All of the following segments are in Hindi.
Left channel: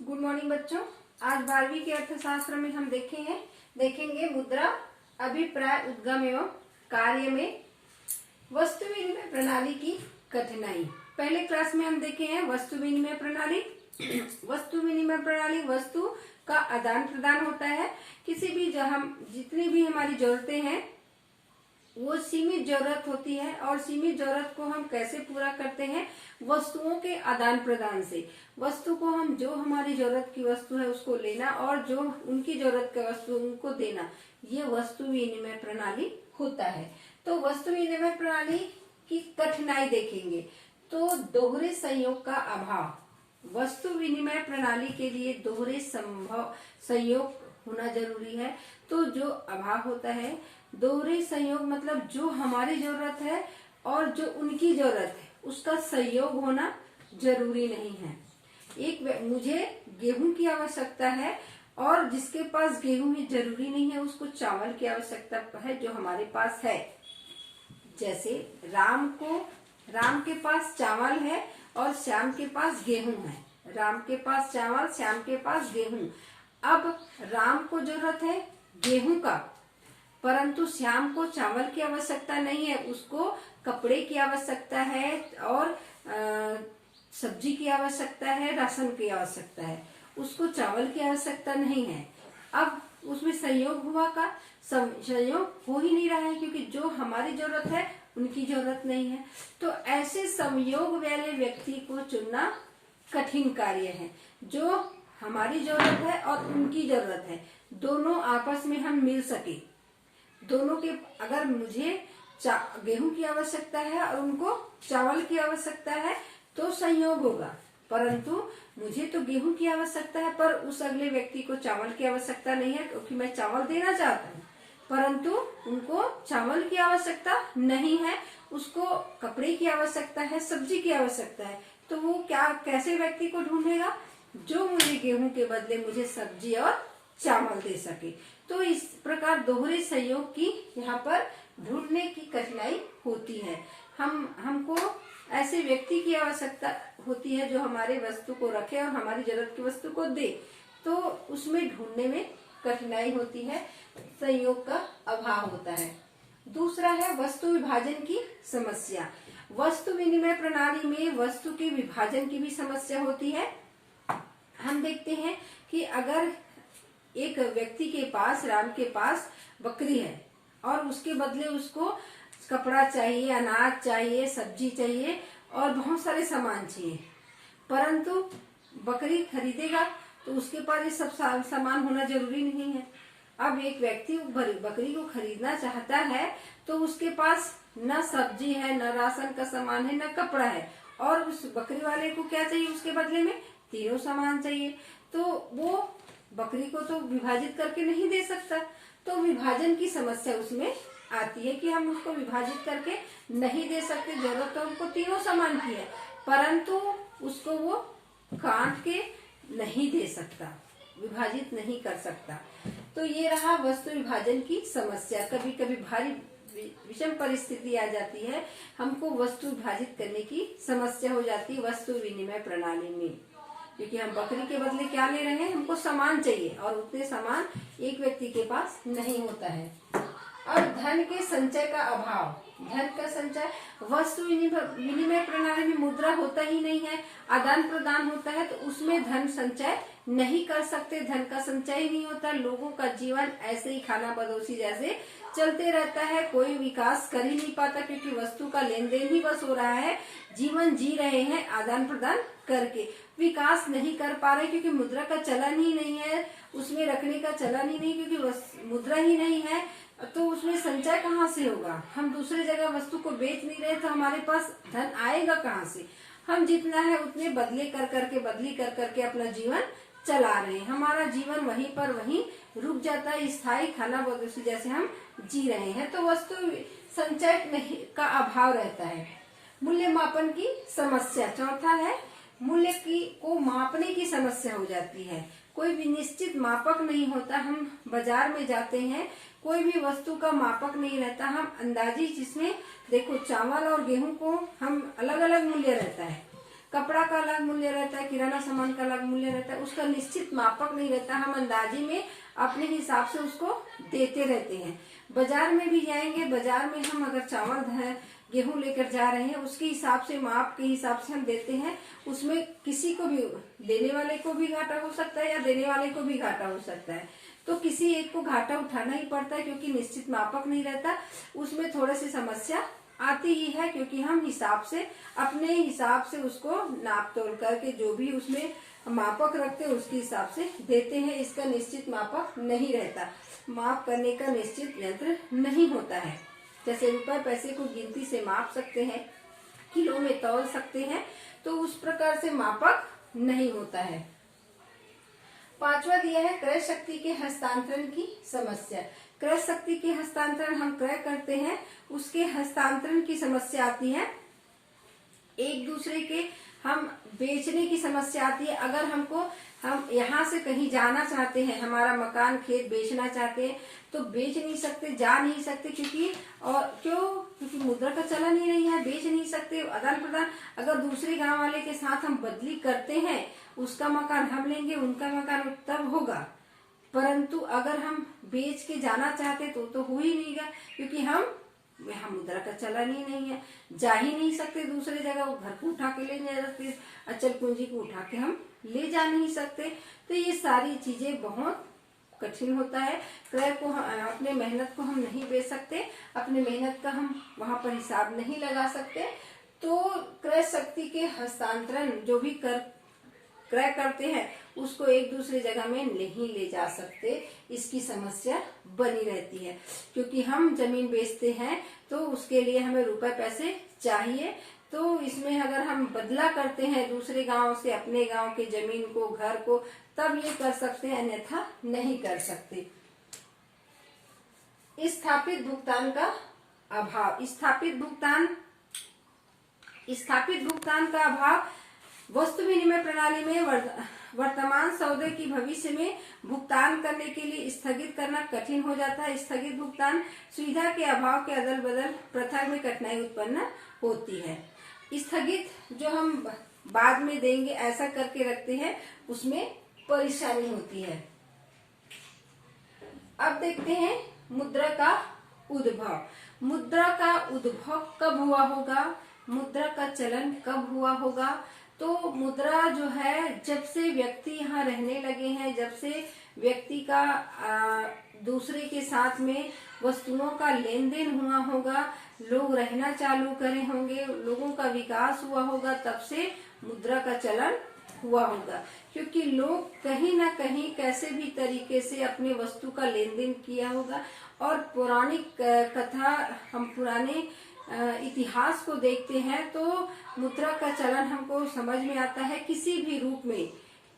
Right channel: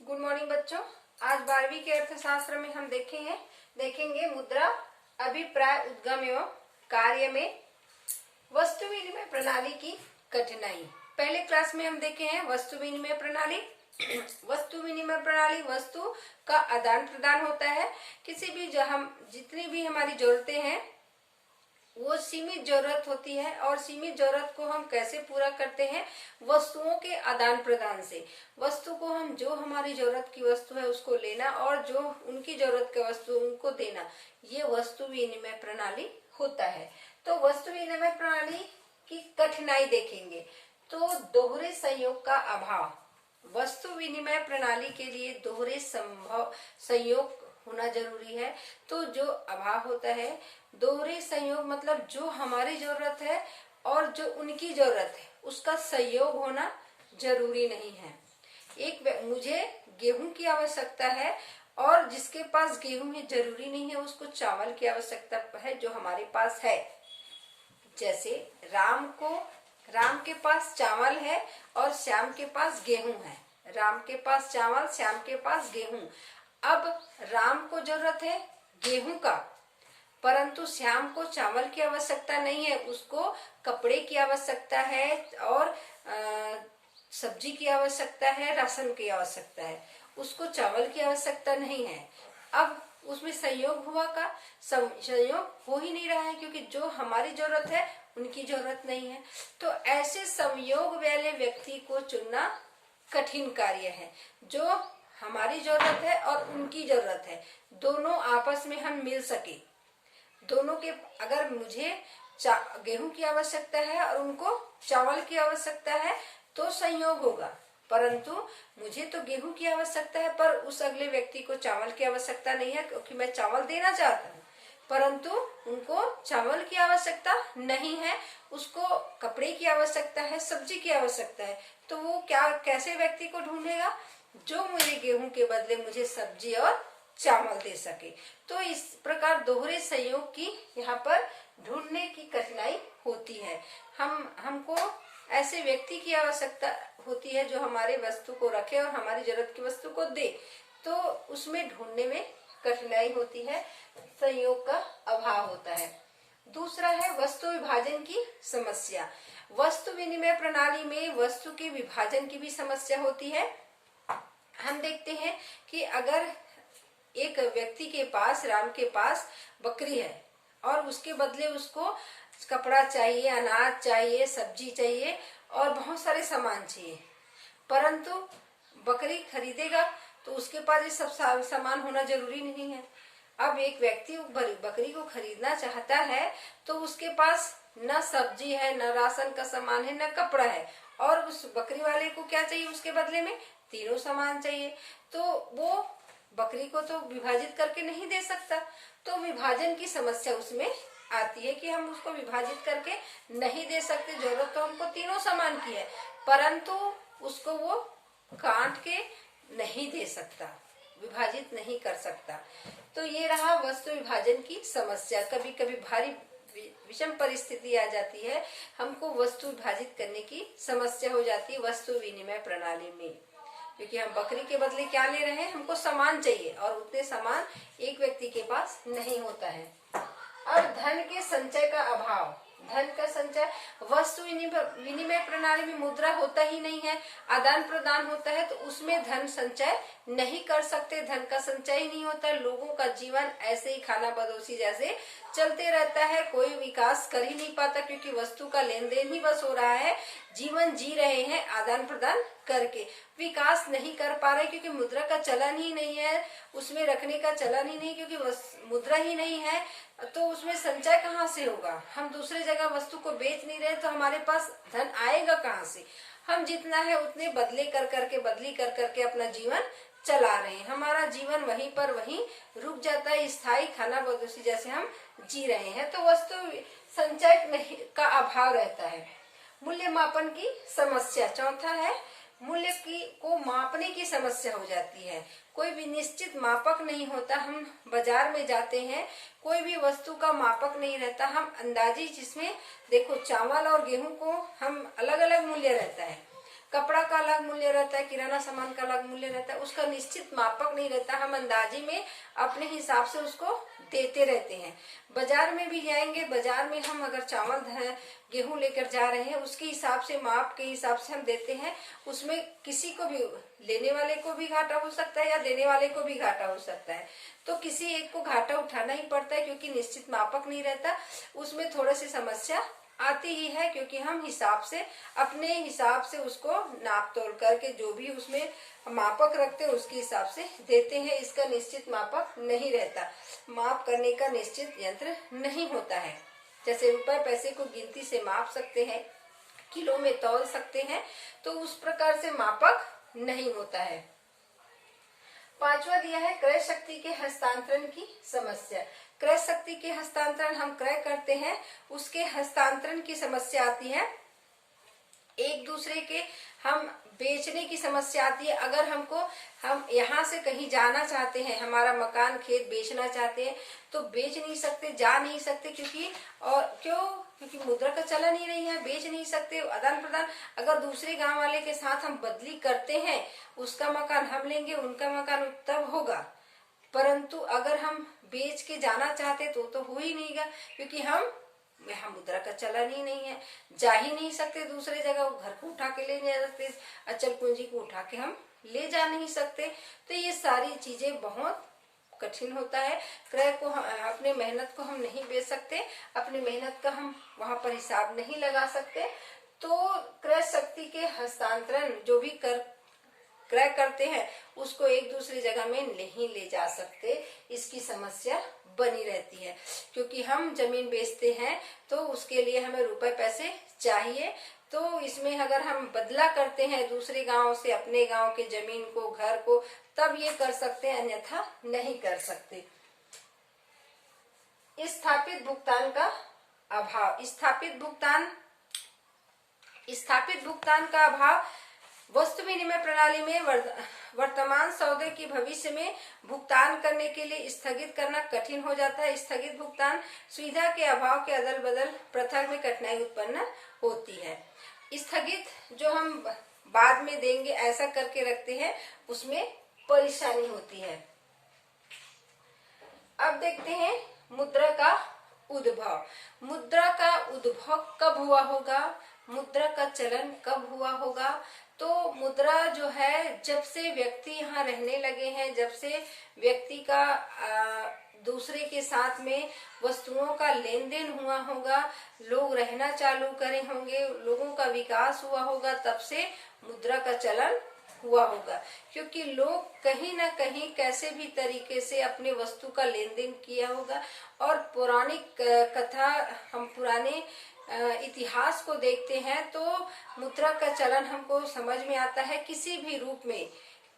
गुड मॉर्निंग बच्चों। आज 12वीं के अर्थशास्त्र में हम देखेंगे मुद्रा, अभिप्राय, उद्गम एवं कार्य में वस्तु विनिमय प्रणाली की कठिनाई। पहले क्लास में हम देखे हैं वस्तु विनिमय प्रणाली। वस्तु विनिमय प्रणाली वस्तु का आदान प्रदान होता है। किसी भी जितनी भी हमारी जरूरतें हैं वो सीमित जरूरत होती है, और सीमित जरूरत को हम कैसे पूरा करते हैं? वस्तुओं के आदान प्रदान से। वस्तु को हम जो हमारी जरूरत की वस्तु है उसको लेना, और जो उनकी जरूरत की वस्तु उनको देना, ये वस्तु विनिमय प्रणाली होता है। तो वस्तु विनिमय प्रणाली की कठिनाई देखेंगे। तो दोहरे संयोग का अभाव। वस्तु विनिमय प्रणाली के लिए दोहरे संयोग होना जरूरी है। तो जो अभाव होता है, दोहरे संयोग मतलब जो हमारी जरूरत है और जो उनकी जरूरत है उसका संयोग होना जरूरी नहीं है। मुझे गेहूं की आवश्यकता है और जिसके पास गेहूं है जरूरी नहीं है उसको चावल की आवश्यकता है जो हमारे पास है। जैसे राम के पास चावल है और श्याम के पास गेहूं है। राम के पास चावल, श्याम के पास गेहूं। अब राम को जरूरत है गेहूं का, परंतु श्याम को चावल की आवश्यकता नहीं है, उसको कपड़े की आवश्यकता है और सब्जी की आवश्यकता है, राशन की आवश्यकता है, उसको चावल की आवश्यकता नहीं है। अब उसमें संयोग हुआ का संयोग हो ही नहीं रहा है, क्योंकि जो हमारी जरूरत है उनकी जरूरत नहीं है। तो ऐसे संयोग वाले व्यक्ति को चुनना कठिन कार्य है। जो हमारी जरूरत है और उनकी जरूरत है, दोनों आपस में हम मिल सके। दोनों के, अगर मुझे गेहूं की आवश्यकता है और उनको चावल की आवश्यकता है तो संयोग होगा, परंतु मुझे तो गेहूं की आवश्यकता है पर उस अगले व्यक्ति को चावल की आवश्यकता नहीं है, क्योंकि मैं चावल देना चाहता हूँ, परंतु उनको चावल की आवश्यकता नहीं है, उसको कपड़े की आवश्यकता है, सब्जी की आवश्यकता है। तो वो कैसे व्यक्ति को ढूंढेगा जो मुझे गेहूं के बदले मुझे सब्जी और चावल दे सके। तो इस प्रकार दोहरे संयोग की यहाँ पर ढूंढने की कठिनाई होती है। हमको ऐसे व्यक्ति की आवश्यकता होती है जो हमारे वस्तु को रखे और हमारी जरूरत की वस्तु को दे, तो उसमें ढूंढने में कठिनाई होती है, संयोग का अभाव होता है। दूसरा है वस्तु विभाजन की समस्या। वस्तु विनिमय प्रणाली में वस्तु के विभाजन की भी समस्या होती है। हम देखते हैं कि अगर एक व्यक्ति के पास, राम के पास बकरी है और उसके बदले उसको कपड़ा चाहिए, अनाज चाहिए, सब्जी चाहिए और बहुत सारे सामान चाहिए, परंतु बकरी खरीदेगा तो उसके पास ये सब सामान होना जरूरी नहीं है। अब एक व्यक्ति बकरी को खरीदना चाहता है तो उसके पास न सब्जी है, न राशन का सामान है, न कपड़ा है, और उस बकरी वाले को क्या चाहिए? उसके बदले में तीनों सामान चाहिए। तो वो बकरी को तो विभाजित करके नहीं दे सकता, तो विभाजन की समस्या उसमें आती है कि हम उसको विभाजित करके नहीं दे सकते। जरूरत तो हमको तीनों सामान की है, परंतु उसको वो काट के नहीं दे सकता, विभाजित नहीं कर सकता। तो ये रहा वस्तु विभाजन की समस्या। कभी कभी भारी विषम परिस्थिति आ जाती है, हमको वस्तु विभाजित करने की समस्या हो जाती है वस्तु विनिमय प्रणाली में, क्योंकि हम बकरी के बदले क्या ले रहे हैं? हमको सामान चाहिए और उतने सामान एक व्यक्ति के पास नहीं होता है। अब धन के संचय का अभाव। धन का संचय, वस्तु विनिमय प्रणाली में मुद्रा होता ही नहीं है, आदान प्रदान होता है, तो उसमें धन संचय नहीं कर सकते, धन का संचय ही नहीं होता। लोगों का जीवन ऐसे ही खाना बदोशी जैसे चलते रहता है, कोई विकास कर ही नहीं पाता, क्योंकि वस्तु का लेन देन ही बस हो रहा है, जीवन जी रहे हैं आदान प्रदान करके, विकास नहीं कर पा रहे, क्योंकि मुद्रा का चलन ही नहीं है, उसमें रखने का चलन ही नहीं, क्योंकि मुद्रा ही नहीं है, तो उसमें संचय कहाँ से होगा? हम दूसरी जगह वस्तु को बेच नहीं रहे तो हमारे पास धन आएगा कहाँ से? हम जितना है उतने बदली कर करके अपना जीवन चला रहे हैं। हमारा जीवन वहीं पर वहीं रुक जाता है, स्थायी खाना बदोशी जैसे हम जी रहे हैं। तो वस्तु संचय नहीं का अभाव रहता है। मूल्य मापन की समस्या। चौथा है मूल्य को मापने की समस्या हो जाती है। कोई भी निश्चित मापक नहीं होता। हम बाजार में जाते हैं, कोई भी वस्तु का मापक नहीं रहता, हम अंदाजी, जिसमें देखो चावल और गेहूं को हम अलग अलग मूल्य रहता है, कपड़ा का अलग मूल्य रहता है, किराना सामान का अलग मूल्य रहता है, उसका निश्चित मापक नहीं रहता। हम अंदाजे में अपने हिसाब से उसको देते रहते हैं। बाजार में भी जाएंगे, बाजार में हम अगर चावल गेहूं लेकर जा रहे हैं, उसके हिसाब से, माप के हिसाब से हम देते हैं। उसमें किसी को भी, लेने वाले को भी घाटा हो सकता है या देने वाले को भी घाटा हो सकता है। तो किसी एक को घाटा उठाना ही पड़ता है, क्योंकि निश्चित मापक नहीं रहता। उसमें थोड़ी सी समस्या आती ही है, क्योंकि हम हिसाब से, अपने हिसाब से उसको नाप तोल करके जो भी उसमें मापक रखते हैं उसके हिसाब से देते हैं। इसका निश्चित मापक नहीं रहता, माप करने का निश्चित यंत्र नहीं होता है। जैसे रुपए पैसे को गिनती से माप सकते हैं, किलो में तौल सकते हैं, तो उस प्रकार से मापक नहीं होता है। पांचवा दिया है क्रय शक्ति के हस्तांतरण की समस्या। क्रय शक्ति के हस्तांतरण, हम क्रय करते हैं, उसके हस्तांतरण की समस्या आती है। एक दूसरे के हम बेचने की समस्या आती है। अगर हम यहाँ से कहीं जाना चाहते हैं, हमारा मकान खेत बेचना चाहते हैं, तो बेच नहीं सकते, जा नहीं सकते, क्योंकि मुद्रा का चलन ही नहीं है, बेच नहीं सकते। आदान प्रदान अगर दूसरे गांव वाले के साथ हम बदली करते हैं, उसका मकान हम लेंगे, उनका मकान तब होगा, परंतु अगर हम बेच के जाना चाहते तो हो ही नहीं गा, क्योंकि यहाँ मुद्रा का चलन ही नहीं है, जा ही नहीं सकते दूसरे जगह। वो घर को उठा के ले जा सकते, अचल पूंजी को उठा के हम ले जा नहीं सकते। तो ये सारी चीजें बहुत कठिन होता है। क्रय को, अपने मेहनत को हम नहीं बेच सकते, अपने मेहनत का हम वहां पर हिसाब नहीं लगा सकते। तो क्रय शक्ति के हस्तांतरण जो भी क्रय करते हैं, उसको एक दूसरे जगह में नहीं ले जा सकते, इसकी समस्या बनी रहती है। क्योंकि हम जमीन बेचते हैं तो उसके लिए हमें रुपए पैसे चाहिए, तो इसमें अगर हम बदला करते हैं दूसरे गांव से अपने गांव के जमीन को, घर को, तब ये कर सकते हैं, अन्यथा नहीं कर सकते। स्थापित भुगतान का अभाव। स्थापित भुगतान का अभाव वस्तु विनिमय प्रणाली में वर्तमान सौदे की भविष्य में भुगतान करने के लिए स्थगित करना कठिन हो जाता है। स्थगित भुगतान सुविधा के अभाव के अदल बदल प्रथा में कठिनाई उत्पन्न होती है। स्थगित जो हम बाद में देंगे ऐसा करके रखते हैं, उसमें परेशानी होती है। अब देखते हैं मुद्रा का उद्भव। मुद्रा का उद्भव कब हुआ होगा, मुद्रा का चलन कब हुआ होगा? तो मुद्रा जो है, जब से व्यक्ति यहाँ रहने लगे हैं, जब से व्यक्ति का दूसरे के साथ में वस्तुओं का लेन देन हुआ होगा, लोग रहना चालू करे होंगे, लोगों का विकास हुआ होगा, तब से मुद्रा का चलन हुआ होगा। क्योंकि लोग कहीं ना कहीं कैसे भी तरीके से अपने वस्तु का लेन देन किया होगा। और पौराणिक कथा, हम पुराने इतिहास को देखते हैं तो मुद्रा का चलन हमको समझ में आता है किसी भी रूप में।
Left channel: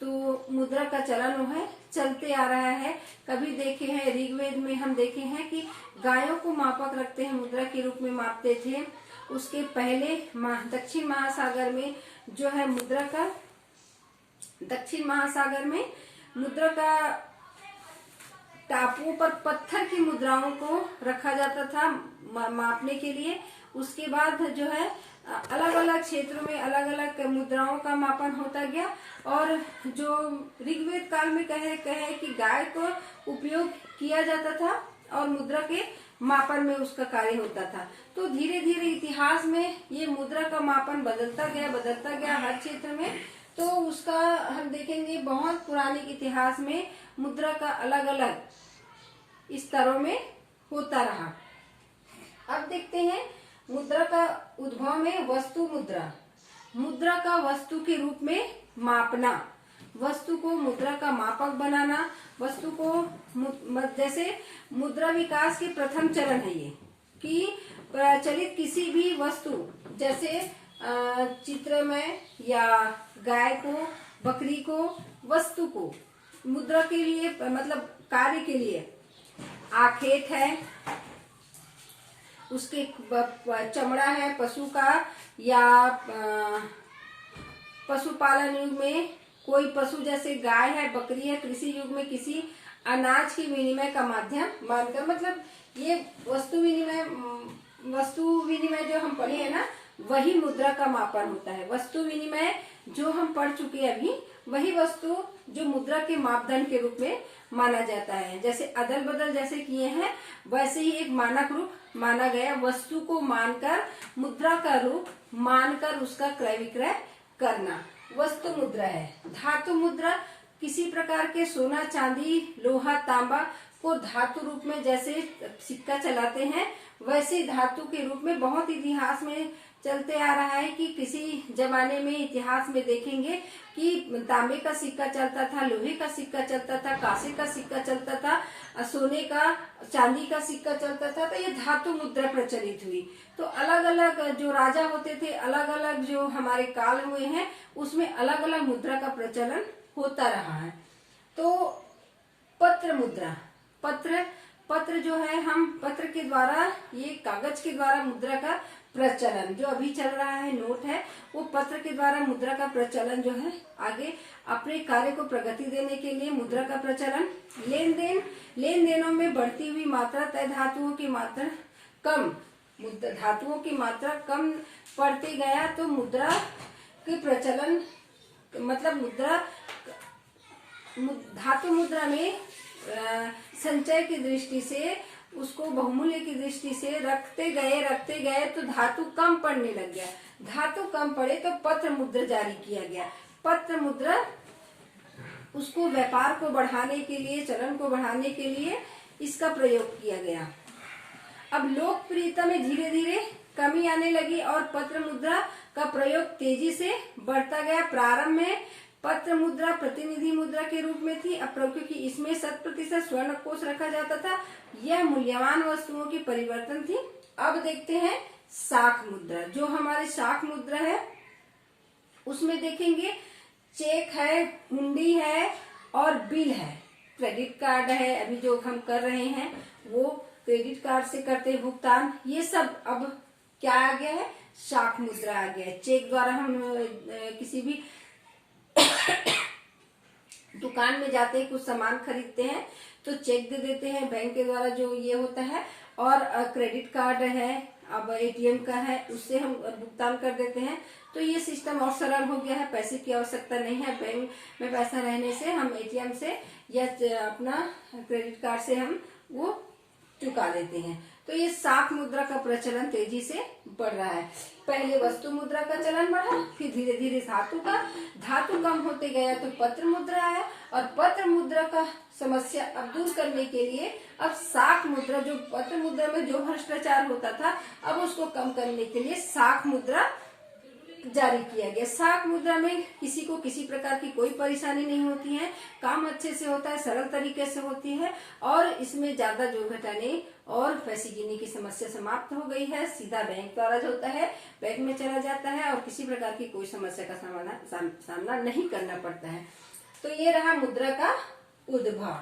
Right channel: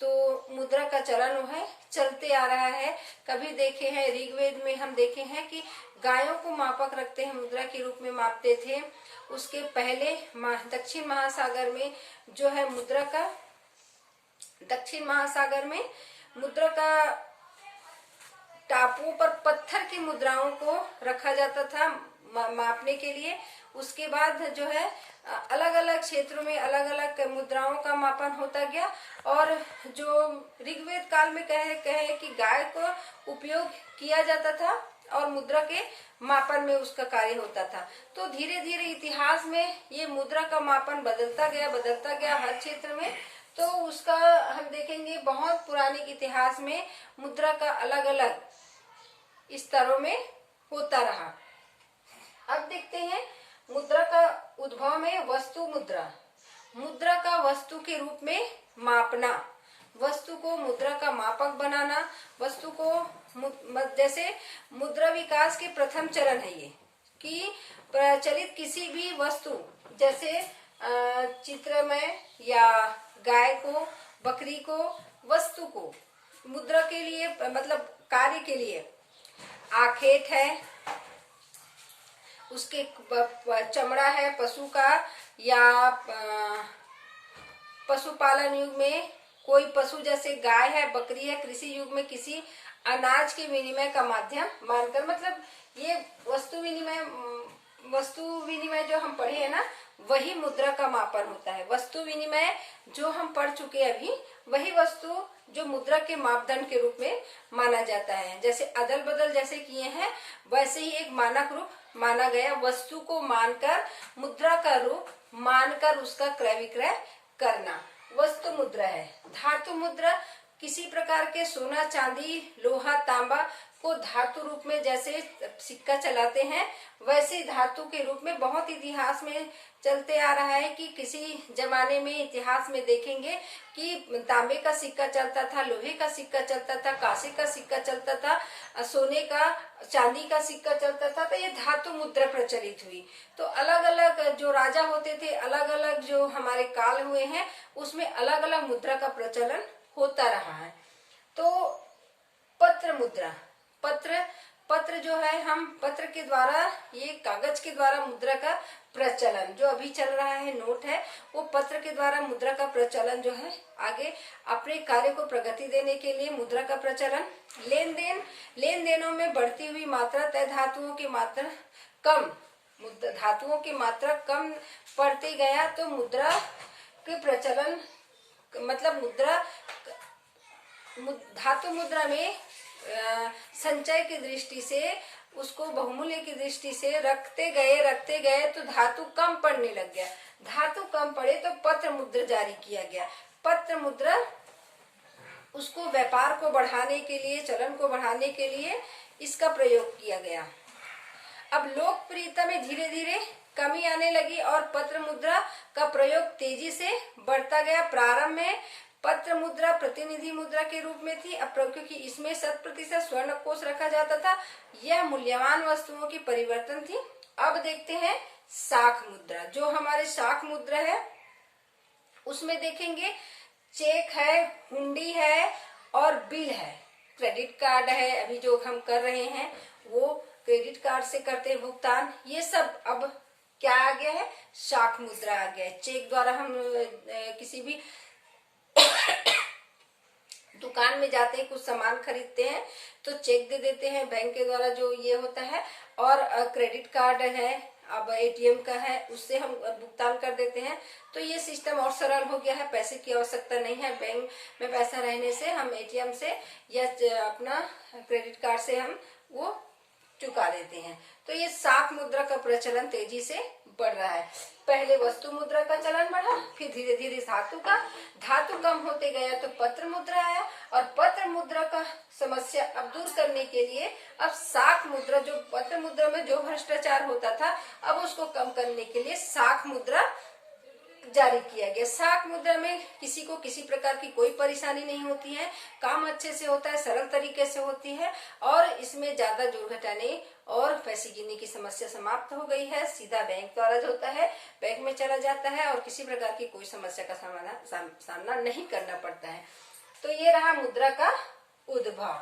तो मुद्रा का चलन है चलते आ रहा है। कभी देखे हैं ऋग्वेद में, हम देखे हैं कि गायों को मापक रखते हैं, मुद्रा के रूप में मापते थे। उसके पहले दक्षिण महासागर में जो है मुद्रा का, दक्षिण महासागर में मुद्रा का टापुओं पर पत्थर की मुद्राओं को रखा जाता था मापने के लिए। उसके बाद जो है अलग अलग क्षेत्रों में अलग अलग मुद्राओं का मापन होता गया। और जो ऋग्वेद काल में कहे कि गाय को उपयोग किया जाता था और मुद्रा के मापन में उसका कार्य होता था। तो धीरे धीरे इतिहास में ये मुद्रा का मापन बदलता गया हर क्षेत्र में। तो उसका हम देखेंगे बहुत पुराने इतिहास में मुद्रा का अलग अलग स्तरों में होता रहा। अब देखते हैं मुद्रा का उद्भव में वस्तु मुद्रा। मुद्रा का वस्तु के रूप में मापना, वस्तु को मुद्रा का मापक बनाना, वस्तु को जैसे मुद्रा विकास के प्रथम चरण है ये कि प्रचलित किसी भी वस्तु, जैसे चित्र में या गाय को, बकरी को, वस्तु को मुद्रा के लिए मतलब कार्य के लिए, आखेट है, उसके चमड़ा है पशु का, या पशुपालन युग में कोई पशु जैसे गाय है, बकरी है, कृषि युग में किसी अनाज के विनिमय का माध्यम मानकर, मतलब ये वस्तु विनिमय जो हम पढ़े हैं ना, वही मुद्रा का मापन होता है। वस्तु विनिमय जो हम पढ़ चुके हैं अभी, वही वस्तु जो मुद्रा के मापदंड के रूप में माना जाता है। जैसे अदल बदल जैसे किए हैं, वैसे ही एक मानक रूप माना गया। वस्तु को मानकर, मुद्रा का रूप मानकर उसका क्रय विक्रय करना वस्तु मुद्रा है। धातु मुद्रा किसी प्रकार के सोना, चांदी, लोहा, तांबा को धातु रूप में जैसे सिक्का चलाते हैं, वैसे धातु के रूप में बहुत इतिहास में चलते आ रहा है कि किसी जमाने में इतिहास में देखेंगे कि तांबे का सिक्का चलता था, लोहे का सिक्का चलता था, कांसे का सिक्का चलता था, सोने का, चांदी का सिक्का चलता था। तो ये धातु मुद्रा प्रचलित हुई। तो अलग अलग जो राजा होते थे, अलग अलग जो हमारे काल हुए हैं, उसमें अलग अलग मुद्रा का प्रचलन होता रहा है। तो पत्र मुद्रा, पत्र जो है, हम पत्र के द्वारा, ये कागज के द्वारा मुद्रा का प्रचलन जो अभी चल रहा है, नोट है, वो पत्र के द्वारा मुद्रा का प्रचलन जो है आगे अपने कार्य को प्रगति देने के लिए मुद्रा का प्रचलन। लेन देनों में बढ़ती हुई मात्रा, तय धातुओं की मात्रा कम, धातुओं की मात्रा कम पड़ते गया तो मुद्रा के प्रचलन, मतलब धातु मुद्रा में संचय की दृष्टि से, उसको बहुमूल्य की दृष्टि से रखते गए तो धातु कम पड़ने लग गया। धातु कम पड़े तो पत्र मुद्रा जारी किया गया। पत्र मुद्रा उसको व्यापार को बढ़ाने के लिए, चलन को बढ़ाने के लिए इसका प्रयोग किया गया। अब लोकप्रियता में धीरे धीरे कमी आने लगी और पत्र मुद्रा का प्रयोग तेजी से बढ़ता गया। प्रारंभ में पत्र मुद्रा प्रतिनिधि मुद्रा के रूप में थी, अब क्योंकि इसमें 100% स्वर्ण कोष रखा जाता था, यह मूल्यवान वस्तुओं की परिवर्तन थी। अब देखते हैं साख मुद्रा। जो हमारे साख मुद्रा है उसमें देखेंगे चेक है, हुंडी है और बिल है, क्रेडिट कार्ड है। अभी जो हम कर रहे हैं वो क्रेडिट कार्ड से करते हैं भुगतान। ये सब अब क्या आ गया है, साख मुद्रा आ गया है। चेक द्वारा हम किसी भी दुकान में जाते ही कुछ सामान खरीदते हैं तो चेक दे देते हैं बैंक के द्वारा, जो ये होता है। और क्रेडिट कार्ड है, अब एटीएम का है, उससे हम भुगतान कर देते हैं। तो ये सिस्टम और सरल हो गया है, पैसे की आवश्यकता नहीं है। बैंक में पैसा रहने से हम एटीएम से या अपना क्रेडिट कार्ड से हम वो चुका देते हैं। तो ये साख मुद्रा का प्रचलन तेजी से बढ़ रहा है। पहले वस्तु मुद्रा का चलन बढ़ा, फिर धीरे धीरे धातु कम होते गया तो पत्र मुद्रा है, और पत्र मुद्रा का समस्या अब दूर करने के लिए अब साख मुद्रा, जो पत्र मुद्रा में जो भ्रष्टाचार होता था, अब उसको कम करने के लिए साख मुद्रा जारी किया गया। साख मुद्रा में किसी को किसी प्रकार की कोई परेशानी नहीं होती है, काम अच्छे से होता है, सरल तरीके से होती है, और इसमें ज्यादा जोड़ घटाने और पैसे गिनने की समस्या समाप्त हो गई है। सीधा बैंक द्वारा जो होता है बैंक में चला जाता है और किसी प्रकार की कोई समस्या का सामना नहीं करना पड़ता है। तो ये रहा मुद्रा का उद्भव।